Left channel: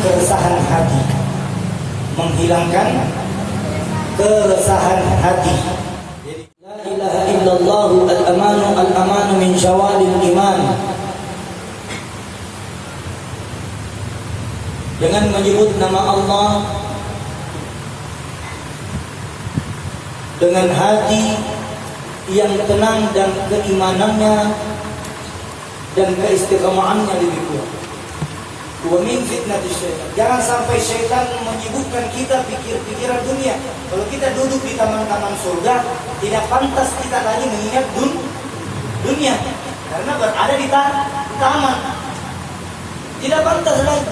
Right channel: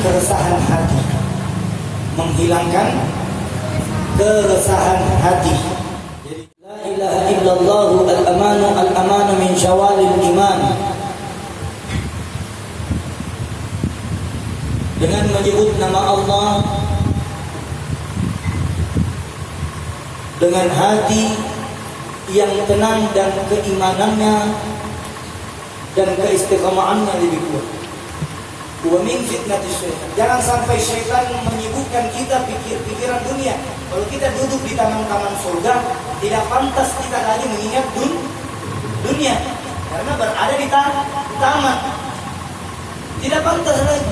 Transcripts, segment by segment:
keresahan hati, menghilangkan keresahan hati. Jadi la ilaha illallah al-amanu min syawalil iman. Dengan menyebut nama Allah dengan hati yang tenang dan keimanannya dan keistiqamahannya lebih kuat. Wa min fitnatis syaitan. Jangan sampai syaitan menyibukkan kita pikir-pikiran dunia. Kalau kita duduk di taman-taman surga, tidak pantas kita lagi mengingat dunia, karena berada di taman. Tidak pantas lagi.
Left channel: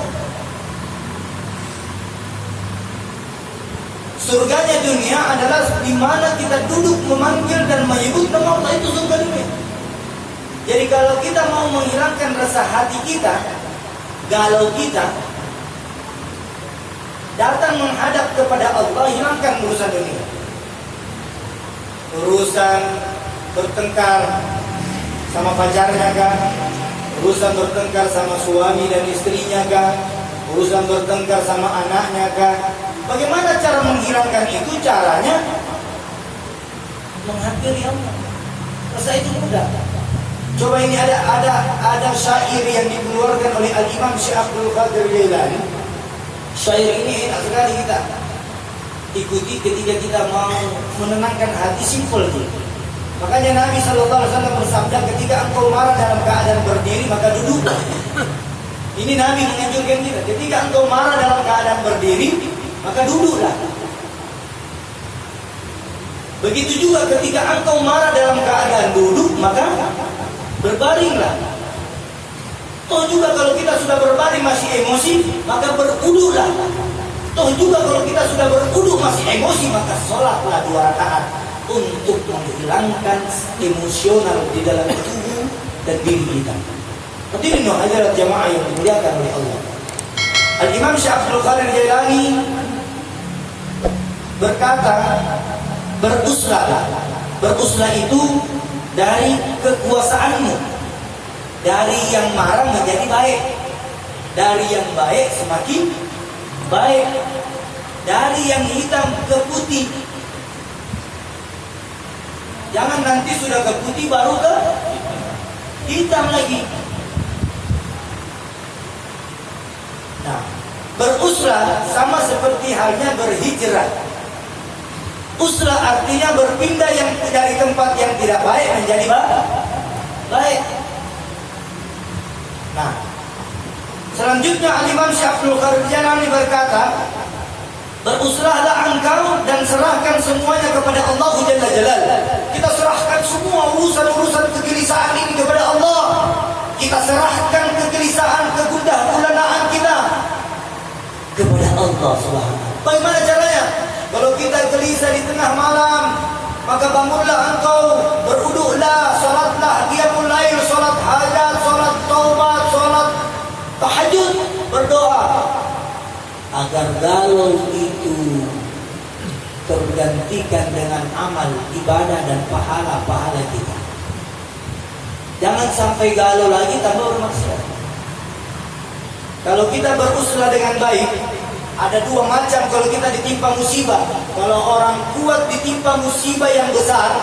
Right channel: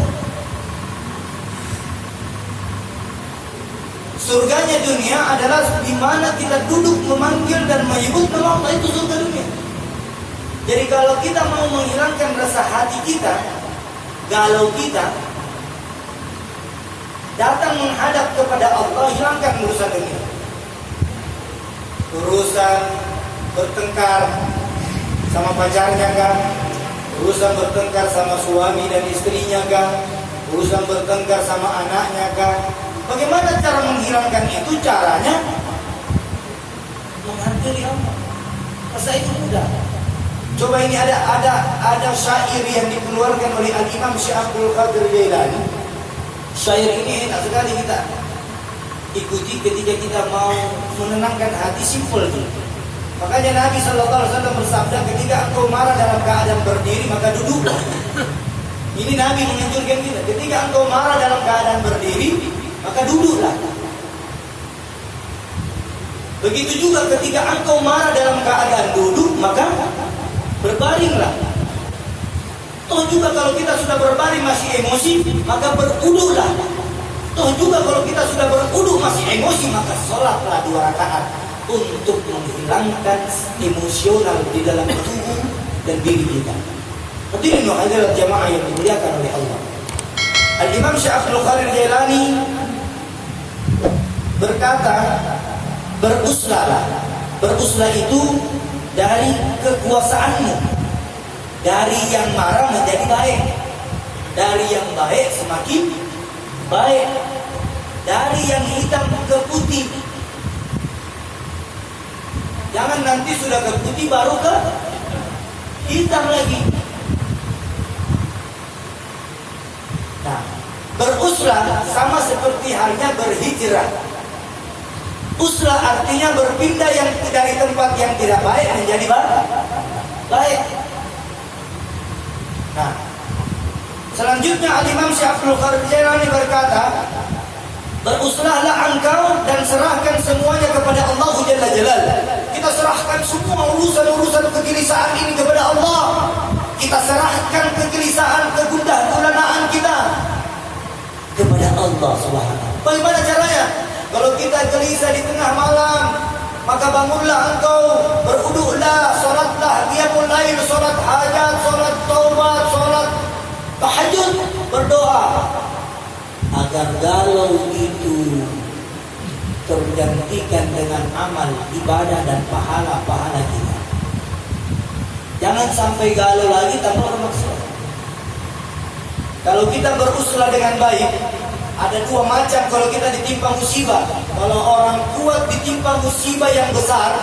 Surganya dunia adalah di mana kita duduk memanggil dan menyebut nama Allah, itu surga dunia. Jadi kalau kita mau menghilangkan rasa hati kita, galau kita, datang menghadap kepada Allah, hilangkan urusan dunia. Urusan bertengkar sama pacarnya kah? Urusan bertengkar sama suami dan istrinya kah? Urusan bertengkar sama anaknya kah? Bagaimana cara menghilangkan itu? Caranya menghampiri Allah. Rasa itu mudah. Coba ini ada syair yang dikeluarkan oleh Al-Imam Syekh Abdul Qadir Jailani. Syair ini enak sekali kita ikuti ketika kita mau menenangkan hati, simpel gitu. Makanya Nabi SAW bersabda, ketika engkau marah dalam keadaan berdiri maka duduk. Ini Nabi menganjurkan kita, ketika engkau marah dalam keadaan berdiri maka duduklah. Begitu juga ketika engkau marah dalam keadaan duduk, maka berbaringlah. Toh juga kalau kita sudah berbaring masih emosi, maka berwudulah. Toh juga kalau kita sudah berwudu masih emosi, maka sholatlah 2 rakaat untuk menghilangkan emosional di dalam tubuh dan diri kita. Hadirin wa hadirat jamaah yang dimuliakan oleh Allah. Al-Imam Syekh Abdul Qadir Jailani berkata, beruslah. Beruslah itu dari kekuasaanmu. Dari yang marah menjadi baik. Dari yang baik semakin baik. Dari yang hitam ke putih. Jangan nanti sudah ke putih baru ke hitam lagi. Nah, beruslah sama seperti halnya berhijrah. Uslah artinya berpindah yang dari tempat yang tidak baik menjadi baik. Nah, selanjutnya Al-Imam Syekh Abdul Qadir Jailani berkata, beruslahlah engkau dan serahkan semuanya kepada Allah Jalla Jalaluhu. Kita serahkan semua urusan-urusan kegelisahan ini kepada Allah. Kita serahkan kegelisahan, kegundah gulanaan kita kepada Allah Subhanahu. Bagaimana caranya? Kalau kita gelisah di tengah malam, maka bangunlah engkau, berwudulah, salatlah qiyamul lail, salat hajat, salat taubat, salat tahajud, berdoa agar galau itu tergantikan dengan amal ibadah dan pahala-pahala kita. Jangan sampai galau lagi tanpa bermaksud. Kalau kita beruslah dengan baik, ada 2 macam kalau kita ditimpa musibah. Kalau orang kuat ditimpa musibah yang besar,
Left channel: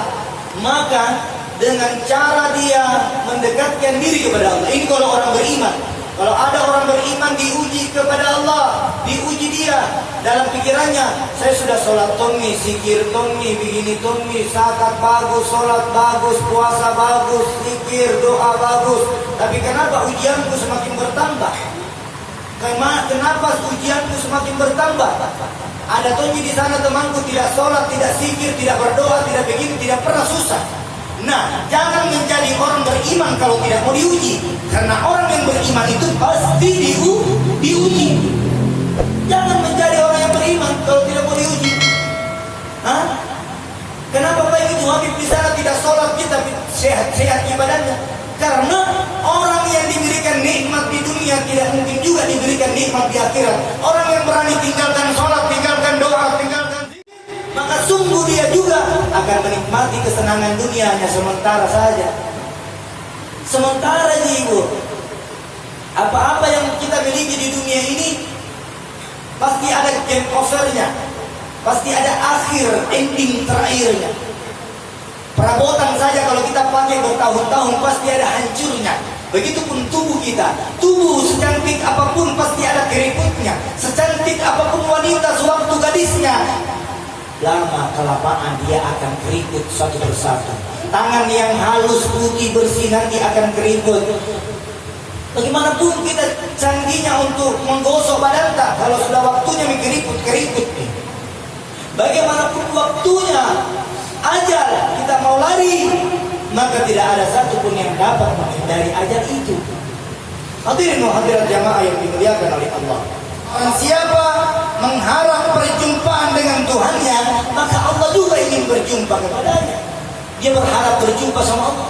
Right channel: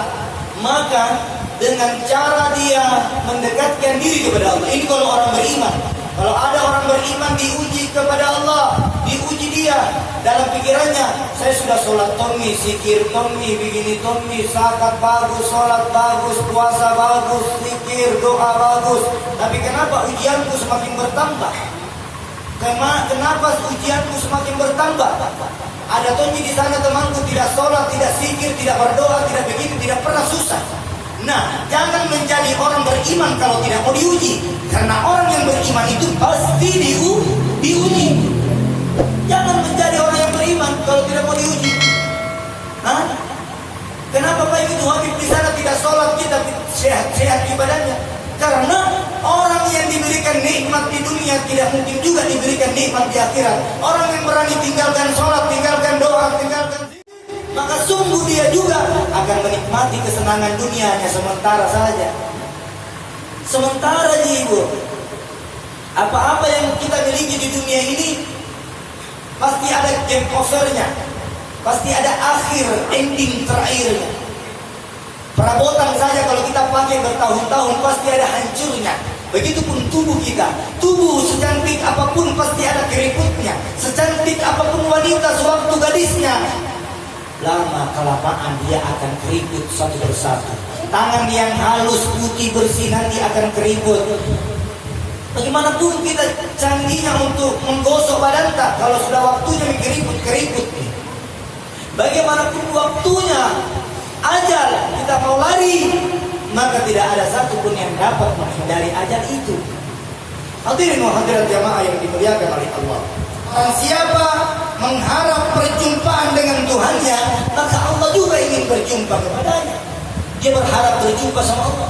maka dengan cara dia mendekatkan diri kepada Allah. Ini kalau orang beriman. Kalau ada orang beriman diuji kepada Allah, diuji dia dalam pikirannya, saya sudah sholat tommi, zikir tommi, begini tommi, zakat bagus, sholat bagus, puasa bagus, zikir, doa bagus. Tapi kenapa ujianku semakin bertambah? Kenapa ujianku semakin bertambah? Ada tonji di sana temanku tidak sholat, tidak zikir, tidak berdoa, tidak begini, tidak pernah susah. Nah, jangan menjadi orang beriman kalau tidak mau diuji. Karena orang yang beriman itu pasti diuji. Jangan menjadi orang yang beriman kalau tidak mau diuji. Hah? Kenapa Pak itu Habib di sana tidak sholat, kita sehat-sehat ibadahnya? Karena orang yang diberikan nikmat di dunia tidak mungkin juga diberikan nikmat di akhirat. Orang yang berani tinggalkan sholat, tinggalkan doa, tinggalkan zikir, maka sungguh dia juga akan menikmati kesenangan dunianya sementara saja. Sementara jiwa. Apa-apa yang kita miliki di dunia ini Pasti ada game overnya. Pasti ada akhir, ending terakhirnya. Perabotan saja kalau kita pakai bertahun-tahun pasti ada hancurnya. Begitupun tubuh kita. Tubuh secantik apapun pasti ada keriputnya. Secantik apapun wanita sewaktu gadisnya, lama kelamaan dia akan keriput satu persatu. Tangan yang halus, putih, bersih nanti akan keriput. Bagaimanapun kita canggihnya untuk menggosok badan tak, kalau sudah waktunya keriput. Bagaimanapun waktunya ajal kita mau lari, maka tidak ada satupun yang dapat menghindari ajal itu. Hadirin wa hadirat jamaah yang dimuliakan oleh Allah. Orang siapa mengharap perjumpaan dengan Tuhannya, maka Allah juga ingin berjumpa kepadanya. Dia berharap berjumpa sama Allah,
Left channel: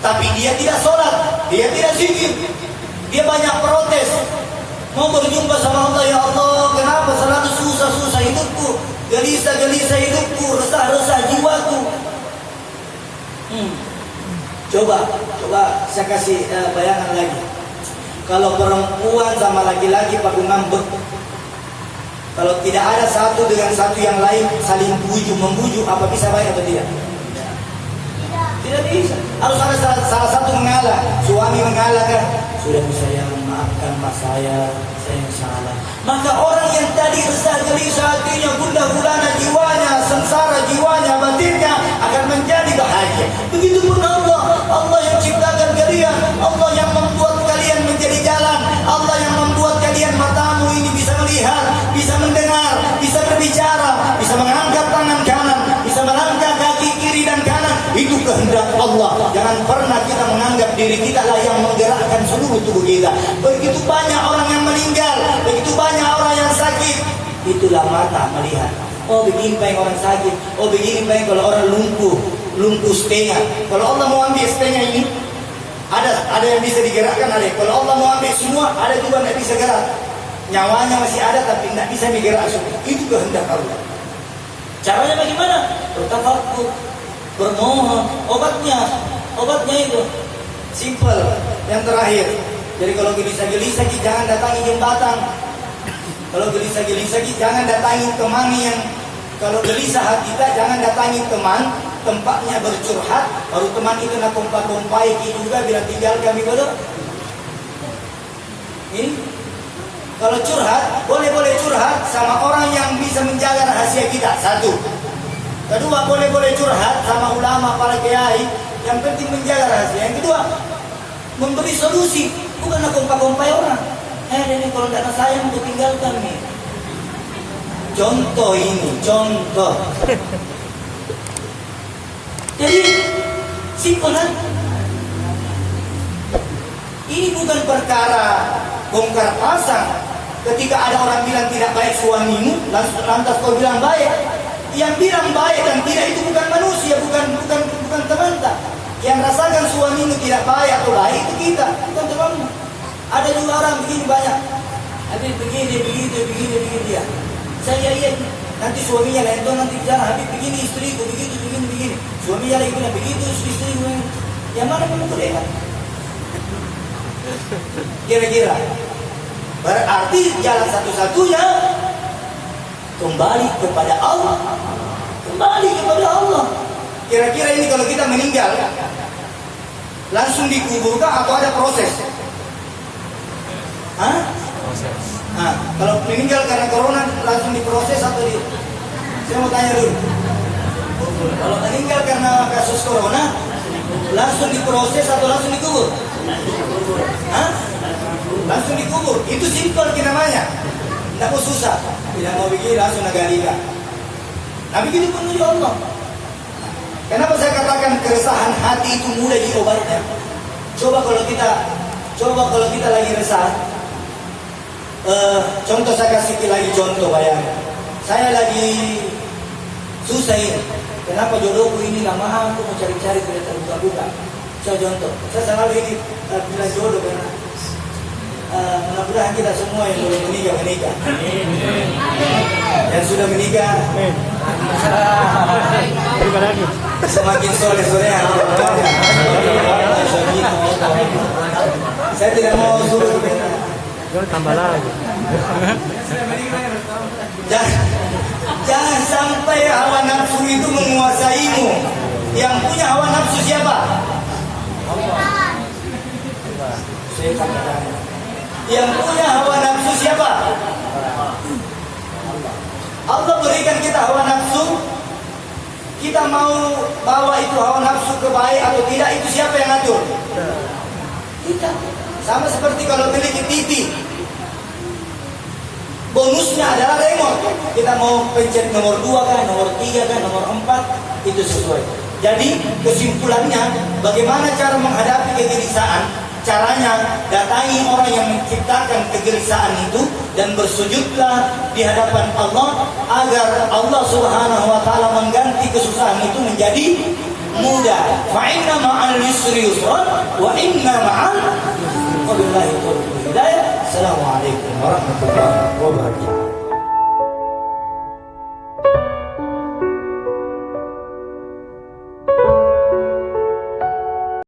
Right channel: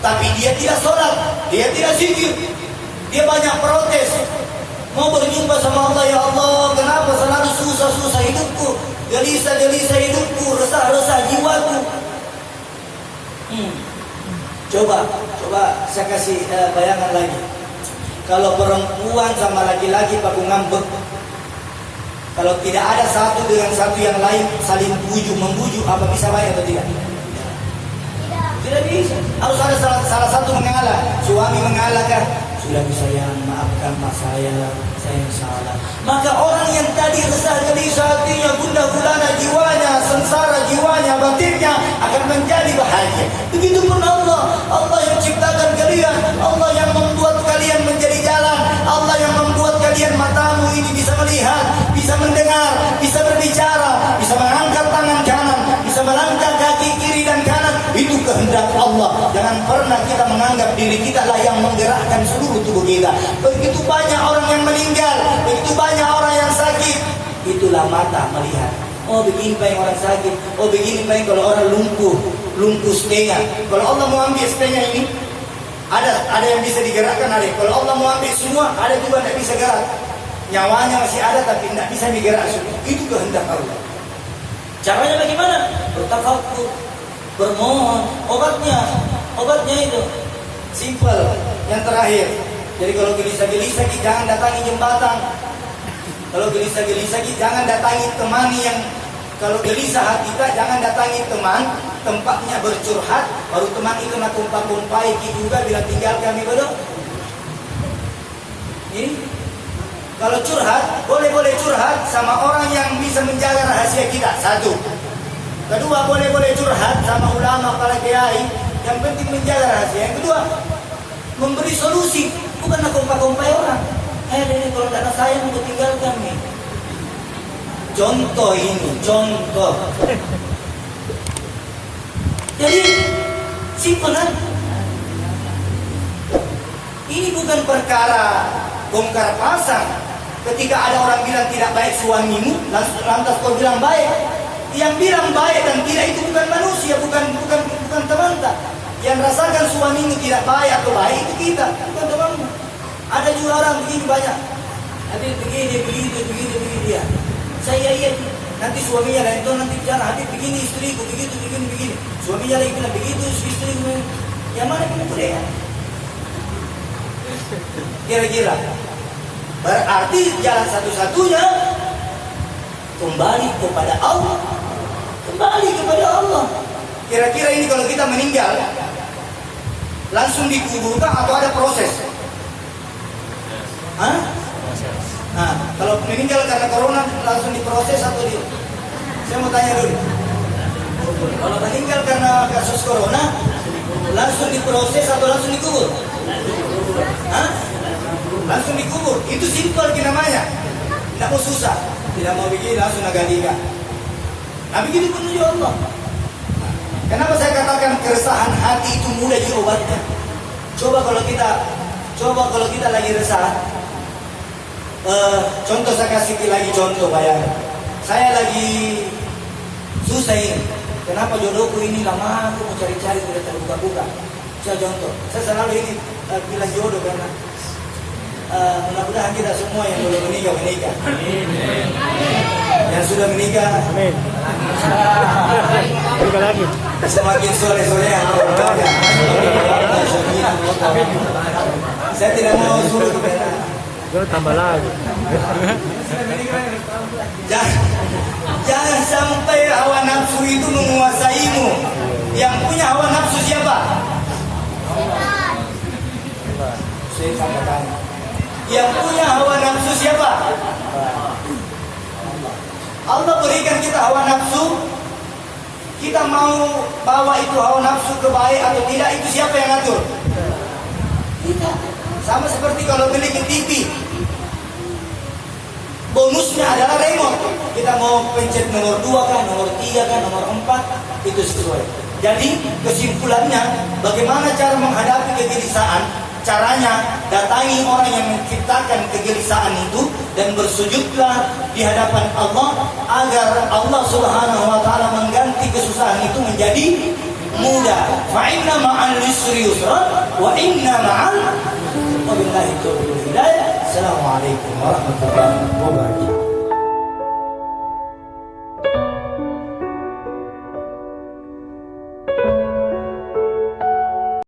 tapi dia tidak sholat, dia tidak zikir, dia banyak protes. Mau berjumpa sama Allah, ya Allah, kenapa selalu susah-susah hidupku, gelisah-gelisah hidupku, resah-resah jiwaku. Coba saya kasih bayangan lagi. Kalau perempuan sama laki-laki pakai ngambek, kalau tidak ada satu dengan satu yang lain saling membujuk, apa bisa baik atau tidak? Tidak bisa. Harus ada salah satu mengalah. Suami mengalah kan? Sudah bisa yang maafkan mas saya yang salah. Maka orang yang tadi resah gelisah hatinya, gundah gulana jiwanya, sengsara jiwanya, batinnya akan menjadi bahagia. Begitupun Allah yang ciptakan kalian, Allah yang membuat kalian menjadi jalan, Allah yang membuat kalian matamu ini bisa melihat, bisa mendengar, bisa berbicara, bisa mengangkat tangan kanan, bisa melangkah kaki kiri dan kanan. Itu kehendak Allah. Jangan pernah kita menganggap diri kita lah yang menggerakkan seluruh tubuh kita. Begitu banyak orang yang meninggal, begitu banyak orang yang sakit. Itulah mata melihat. Oh begini paling orang sakit, oh begini paling kalau orang lumpuh setengah. Kalau Allah mau ambil setengah ini, ada yang bisa digerakkan, ada. Kalau Allah mau ambil semua, ada juga tidak bisa gerak. Nyawanya masih ada tapi tidak bisa digerak semua. Itu kehendak Allah. Caranya bagaimana? Bertafakkur, bermohon. Obatnya itu simple. Yang terakhir, jadi kalau gelisah-gelisah jangan datangi jembatan. Kalau gelisah-gelisah jangan datangi teman yang, kalau gelisah hati kita jangan datangi teman tempatnya bercurhat, baru teman itu nak kumpai juga bila tinggal kami bodoh. Ini kalau curhat boleh curhat sama orang yang bisa menjaga rahasia kita. Satu. Kedua, boleh curhat sama ulama, para kiai, yang penting menjaga rahasia. Yang kedua, memberi solusi, bukan nak kumpai orang. Ini kalau tidak sayang mau tinggalkan nih. Contoh. Jadi simpel kan? Ini bukan perkara bongkar pasang. Ketika ada orang bilang tidak baik suamimu, lantas kau bilang baik. Yang bilang baik dan tidak itu bukan manusia, bukan teman tak. Yang rasakan suamimu tidak baik atau baik itu kita, bukan temanmu. Ada juga orang begini banyak. Habis begini dia. Saya lihat nanti suaminya lain tuh nanti bicara habis begini istriku begini. Suaminya lagi bilang begitu istriku. Yang mana kamu mereka? Kira-kira berarti jalan satu-satunya kembali kepada Allah. Kira-kira ini kalau kita meninggal langsung dikuburkan atau ada proses? Proses. Kalau meninggal karena corona langsung diproses atau Saya mau tanya dulu. Kalau meninggal karena kasus corona langsung diproses atau langsung dikubur? Langsung dikubur. Itu simpel namanya. Tidak mau susah. Tidak mau bikin langsung agak-agak. Nah begitu pun juga Allah. Kenapa saya katakan keresahan hati itu mudah diobatnya? Coba kalau kita lagi resah. Contoh saya kasih lagi contoh bayangkan. Saya lagi susah ini. Kenapa jodohku ini lama aku mau cari-cari tidak terbuka-buka. Saya contoh. Saya selalu ini bilang jodoh karena mudah-mudahan kita semua yang belum menikah. Yang sudah menikah. Semakin sore-sore yang saya tidak mau suruh tambah lagi. Jangan, jangan sampai hawa nafsu itu menguasaimu. Yang punya hawa nafsu siapa? Yang punya hawa nafsu siapa? Allah berikan kita hawa nafsu. Kita mau bawa itu hawa nafsu ke baik atau tidak, itu siapa yang atur? Kita. Sama seperti kalau beli ke TV, bonusnya adalah remote. Kita mau pencet nomor 2 kan, nomor 3 kan, nomor 4, itu sesuai. Jadi kesimpulannya, bagaimana cara menghadapi kegelisahan? Caranya, datangi orang yang menciptakan kegelisahan itu dan bersujudlah di hadapan Allah agar Allah Subhanahu wa taala mengganti kesusahan itu menjadi mudah. Fa inna ma'al yusri yusra wa inna ma'al wabillahi taufiq. Assalamualaikum warahmatullahi wabarakatuh.